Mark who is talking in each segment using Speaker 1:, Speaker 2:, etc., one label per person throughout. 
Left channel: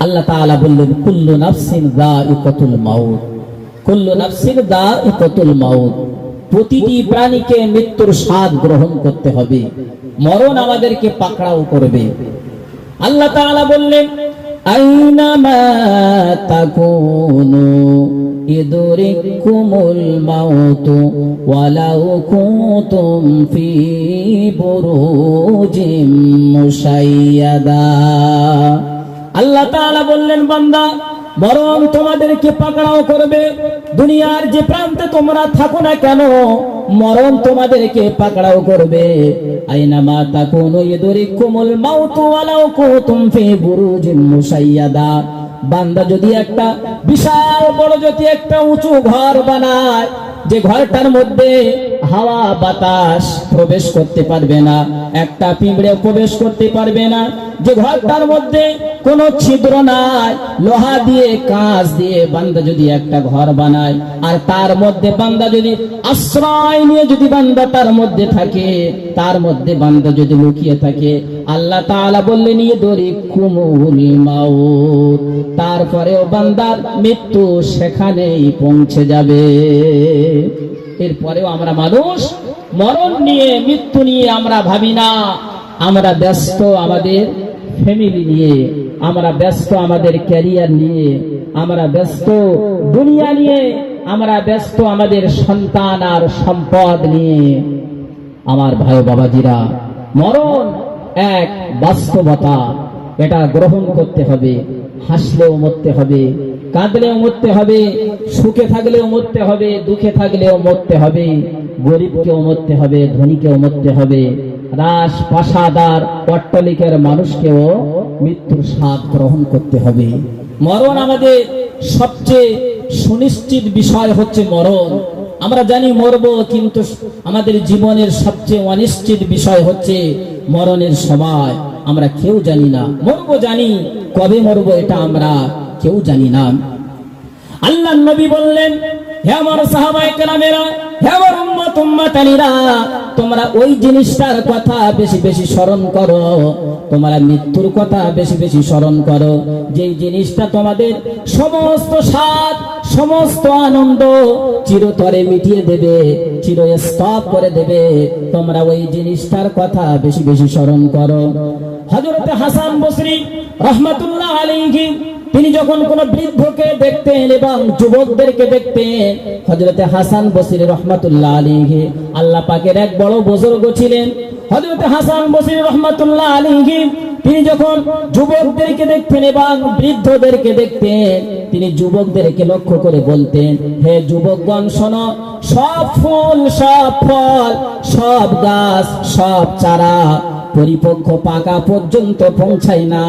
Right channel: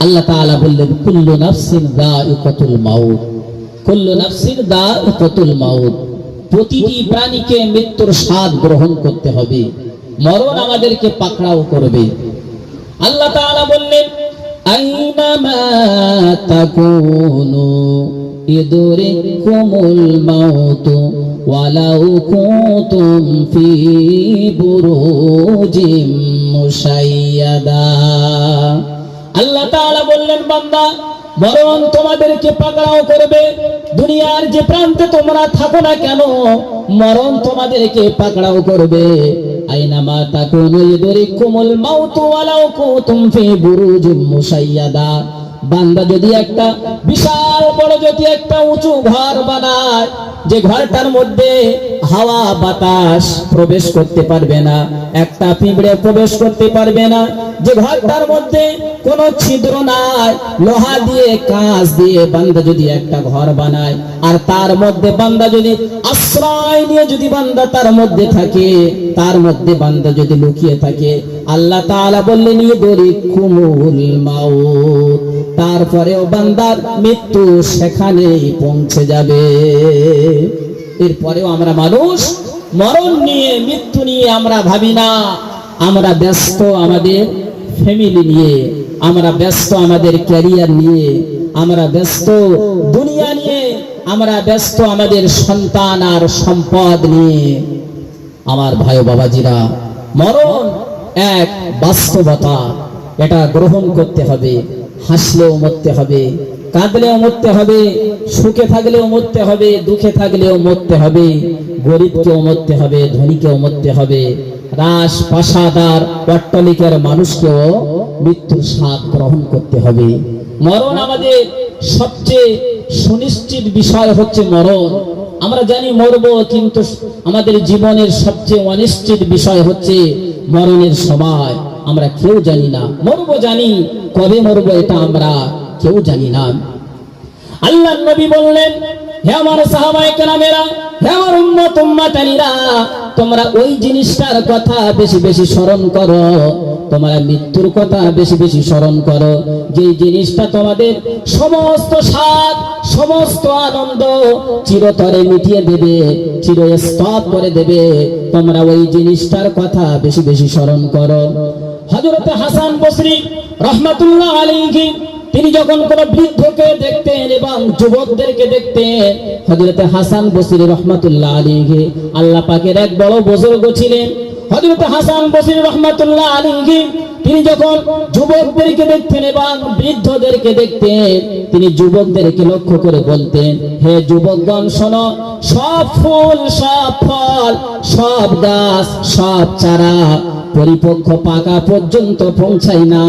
Speaker 1: আল্লাহ তাআলা বললেন, কুল্লু নাফসিন মাউত। কুল্লু নাফসিন মাউত। প্রতিটি প্রাণীকে মৃত্যুর স্বাদ গ্রহণ করতে হবে। মরণ আমাদেরকে পাকড়াও করবে। আল্লাহ তাআলা বললেন আইনামা তাকুনু ইদরিকুমুল মাউত ওয়ালাউ কুনতুম ফি বুরুজিম মুশাইয়াদা। আল্লাহ তাআলা বললেন, বান্দা মরণ তোমাদেরকে পাকড়াও করবে। দুনিয়ার যে প্রান্তে তোমরা থাকো না কেন, মরণ তোমাদেরকে পাকড়াও করবে। আইনামা তাকুনু ইদরিকুমুল মাউত ওয়ালাউ কুনতুম ফি বুরুজিম মুশাইয়াদা বান্দা, যদি একটা বিশাল বড়, যদি একটা উঁচু ঘর বানায়, যে ঘরটার মধ্যে হাওয়া বাতাস প্রবেশ করতে পারবে না, একটা পিঁপড়ে প্রবেশ করতে পারবে না, যে ঘরটার মধ্যে কোনো ছিদ্র নাই, লোহা দিয়ে, কাঁচ দিয়ে বান্দা যদি একটা ঘর বানায়, আর তার মধ্যে বান্দা যদি আশ্রয় নিয়ে যদি বান্দা তার মধ্যে থাকে, তার মধ্যে বান্দা যদি লুকিয়ে থাকে, আল্লাহ তাআলা বললেন ইদরি কুমুল মাউত। তারপরেও বান্দার মৃত্যু সেখানেই পৌঁছে যাবে। এরপরেও আমরা মানুষ, মরণ নিয়ে, মৃত্যু নিয়ে আমরা ভাবি না। আমরা ব্যস্ত আমাদের ফ্যামিলি নিয়ে, আমরা ব্যস্ত আমাদের ক্যারিয়ার নিয়ে, আমরা ব্যস্ত দুনিয়া নিয়ে, আমরা ব্যস্ত আমাদের সন্তান আর সম্পদ নিয়ে। আমার ভাই বাবাজিরা, মরণ এক বাস্তবতা। এটা গ্রহণ করতে হবে, হাসলেও মরতে হবে, কাঁদলেও মরতে হবে, সুখে থাকলেও মরতে হবে, দুঃখে থাকলেও মরতে হবে, গরিবকেও মরতে হবে, ধনীকেও মরতে হবে। রাস পাশাদার অট্টলিকের মানুষকেও মৃত্যুর স্বাদ গ্রহণ করতে হবে। মরণ আমাদের সবচেয়ে সুনিশ্চিত বিষয় হচ্ছে মরণ। আমরা জানি মরব, কিন্তু আমাদের জীবনের সবচেয়ে অনিশ্চিত বিষয় হচ্ছে মরণের সময়। আমরা কেউ জানি না। মরব জানি, কবে মরব এটা আমরা কেউ জানি না। আল্লাহ নবী বললেন, হে আমার সাহাবায়ে কেরামেরা তোমরা ওই জিনিসটার কথা বেশি বেশি স্মরণ করো। তোমরা মৃত্যুর কথা বেশি বেশি স্মরণ করো। যে জিনিসটা তোমাদের সমস্ত স্বাদ, সমস্ত আনন্দ চিরতরে মিটিয়ে দেবে চিরস্তব করে দেবে, তোমরা ওই জিনিসটার কথা বেশি বেশি স্মরণ করো। হযরত হাসান বসরি রহমাতুল্লাহ এবং যুবকদেরকে দেখতেন হযরত হাসান বসরি রহমাতুল্লাহ আলাইহি। আল্লাহ পাকের এক বড় বুজুর্গ ছিলেন। হযরত হাসান বসরি রহমাতুল্লাহ আলাইহি, তিনি যখন যুবকদেরকে দেখতেন এবং বৃদ্ধদেরকে দেখতেন, তিনি যুবকদেরকে লক্ষ্য করে বলতেন, হে যুবকগণ, শোনো, সব ফুল, সব ফল, সব গাছ, সব চারা পরিপক্ষ পাকা পর্যন্ত পৌঁছায় না।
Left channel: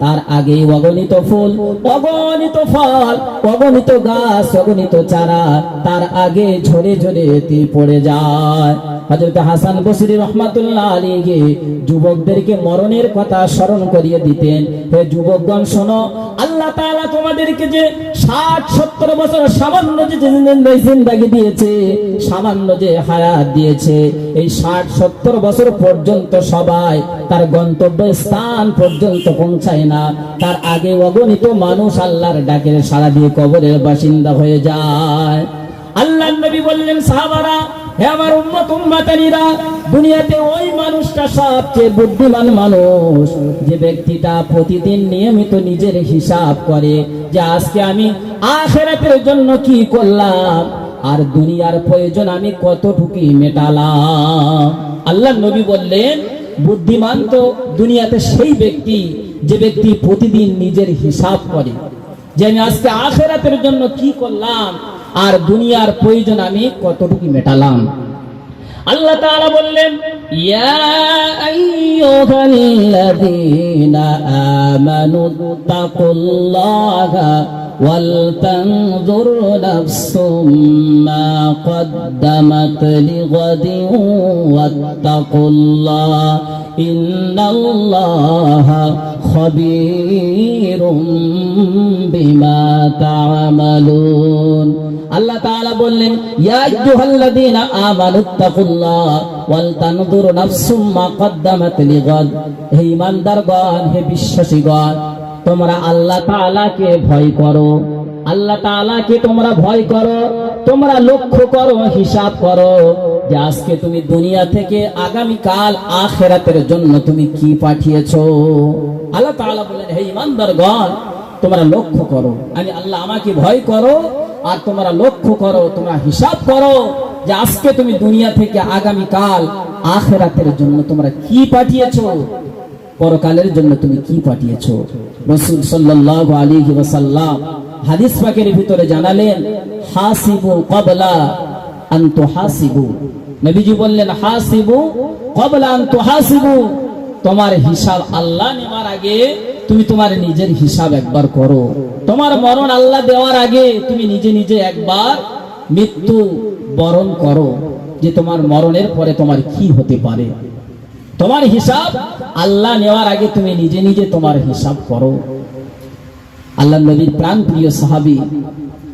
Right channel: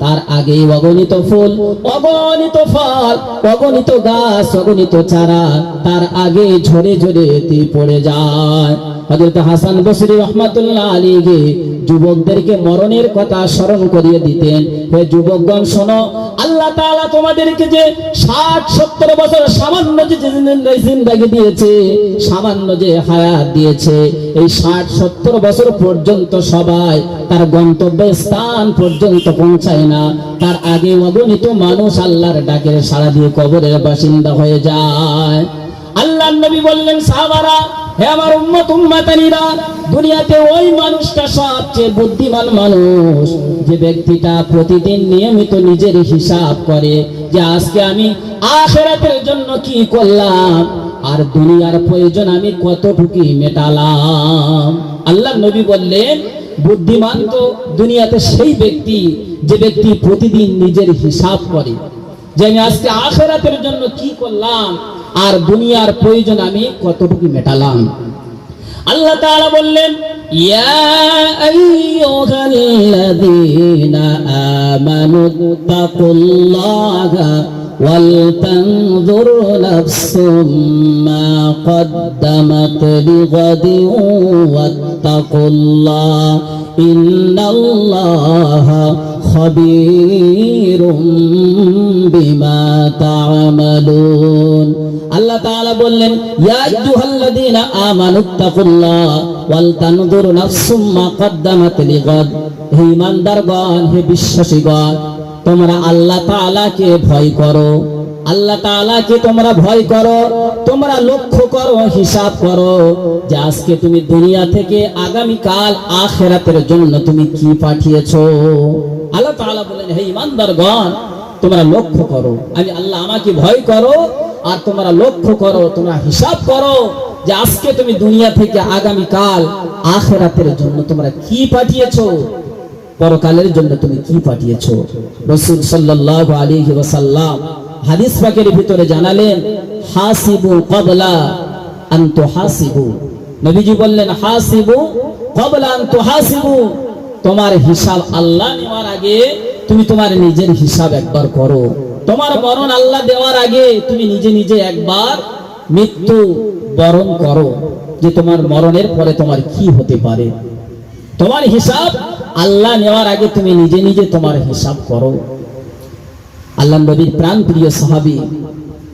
Speaker 1: তার আগে অগণিত ফুল, অগণিত ফল, অগণিত গাছ, অগণিত চারা, তার আগে ঝরে ঝরে পড়ে যায়। হজরত হাসান বসরি রহমাতুল্লাহ আলীকে যুবকদেরকে মরণের কথা স্মরণ করিয়ে দিতেন। হে যুবকগণ, শোনো, আল্লাহ তাআলা তোমাদেরকে যে 60 70 বছর সামান্য যে জিন্দেগি দিয়েছে, সামান্য যে হায়াত দিয়েছে, এই 60 70 বছর পর্যন্ত সবাই তার গন্তব্য স্থান পর্যন্ত পৌঁছায় না। তার আগে অগণিত মানুষ আল্লাহর ডাকের সাড়া দিয়ে কবরের বাসিন্দা হয়ে যায়। আল্লাহ নবী বললেন, সাহাবারা, হে আমার উম্মত, উম্মতানিরা দুনিয়াতে ওই মানুষটা সবচেয়ে বুদ্ধিমান মানুষ। যে ব্যক্তিটা প্রতিদিন নিয়মিত নিজের হিসাব করে যে আজকে আমি আখেরাতের জন্য কি করলাম, আর দুনিয়ার প্রয়োজন আমি কতটুকু মেটালাম। আল্লাহ নবী বললেন, বুদ্ধিমান তো দুনিয়াতে সেই ব্যক্তি যে ব্যক্তি প্রতিদিন নিজের হিসাব করে যে আমি আজকে আখেরাতের জন্য কি করলাম, আর দুনিয়ার প্রয়োজন আমি কতটুকু মেটালাম। আল্লাহ তাআলা বললেন ইয়া আইয়ুহাল্লাযীনা আমানু তাকুল্লাহা ولتنظر نفس ما قدمت لغد واتقوا الله إن الله خبير بما تعملون আল্লাহ তাআলা বললেন হিসাব করো যে আজকে তুমি দুনিয়া থেকে আগামী কাল আখেরাতের জন্য তুমি কি পাঠিয়েছো। আল্লাহ তাআলা বলেন তোমরা লক্ষ্য করো। আমি আল্লাহ আমাকে ভয় করো আর তোমরা লক্ষ্য করো, তোমরা হিসাব করো যে আজকে তুমি দুনিয়া থেকে আগামী কাল আখেরাতের জন্য তোমরা কি পাঠিয়েছো? পরকালের জন্য তুমি কি পাঠিয়েছো? রসুল সাল্লাল্লাহু আলাইহি ওয়াসাল্লাম হাদিস পাকের ভিতরে জানালেন, হাসিবু ক্বাবলা আন তুহাসিবু। নবীজি বললেন, হাসিবু ক্বাবলা আন তুহাসিবু। তোমার হিসাব আল্লাহ নেওয়ার আগে তুমি তোমার নিজের হিসাব একবার করো। তোমার মরণ আল্লাহ দেওয়ার আগে তুমি নিজে নিজে একবার মৃত্যু বরণ করো যে তোমার মরণের পরে তোমার কি হতে পারে। তোমার হিসাব আল্লাহ নেওয়ার আগে তুমি নিজে নিজে তোমার হিসাব করো। আল্লাহ নবীর প্রাণ প্রিয় সাহাবী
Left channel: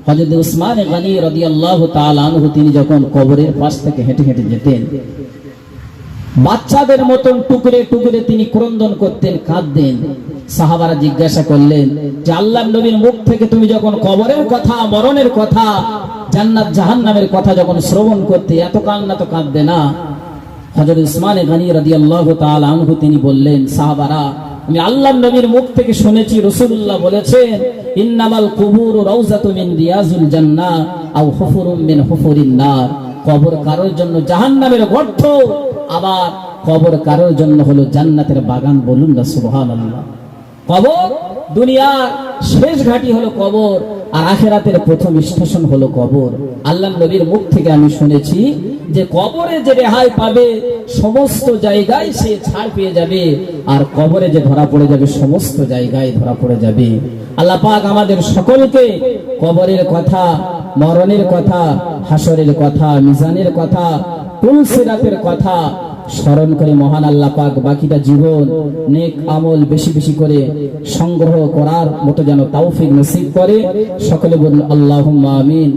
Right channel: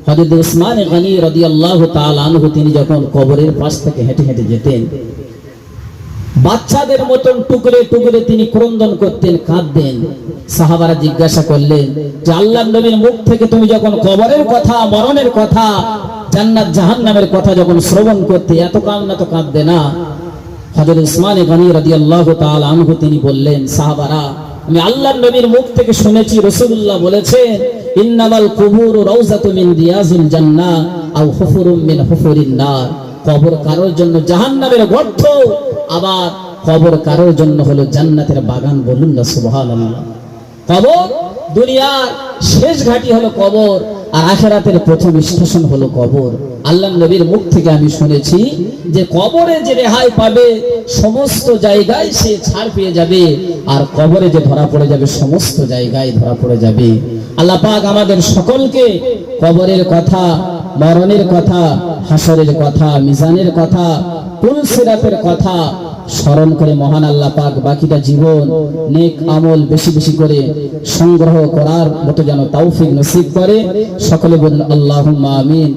Speaker 1: হযরত উসমান গনি রাদিয়াল্লাহু তাআলা আনহু, তিনি যখন কবরের পাশ থেকে হেঁটে হেঁটে যেতেন বাচ্চাদের মতন টুকরে টুকরে তিনি ক্রন্দন করতেন, কাঁদতেন। সাহাবারা জিজ্ঞাসা করলেন, যে আল্লাহ নবীর মুখ থেকে তুমি যখন কবরের কথা, মরণের কথা, জান্নাত, জাহান্নামের কথা যখন শ্রবণ করতে, এত কান্না তো কাঁদবে না। হযরত উসমান গনি রাদিয়াল্লাহু তাআলা আনহু তিনি বললেন, সাহাবারা, আমি আল্লাহর নবীর মুখ থেকে শুনেছি, রাসূলুল্লাহ বলেছেন, ইন্নামাল কুবুরু রাউজাতু মিন রিয়াজিল জান্নাহ আও হুফুরুম মিন হুফুরিন কবর কারোর জন্য জাহান্নামের গর্ত আবার কবর কারোর জন্য হলো জান্নাতের বাগান বলুন না কবর, দুনিয়ার শেষ ঘাটি হলো কবর, আর আখেরাতের প্রথম স্টেশন হলো কবর। আল্লাহ নবীর মুখ থেকে আমি শুনেছি যে কবরে যে রেহাই পাবে, সমস্ত জায়গায় সে ছাড় পেয়ে যাবে, আর কবরে যে ধরা পড়ে যাবে, সমস্ত জায়গায় ধরা পড়ে যাবে। আল্লাহ পাক আমাদের সকলকে কবরের কথা মরণের কথা, হাসরের কথা, মিজানের কথা কোন সিরাতের কথা স্মরণ করে মহান আল্লাহ পাক বাকিটা জীবন, নেক আমল বেশি বেশি করে সংগ্রহ করার মতো যেন তাওফিক নসিব করে। সকলে বলুন আল্লাহ আমিন।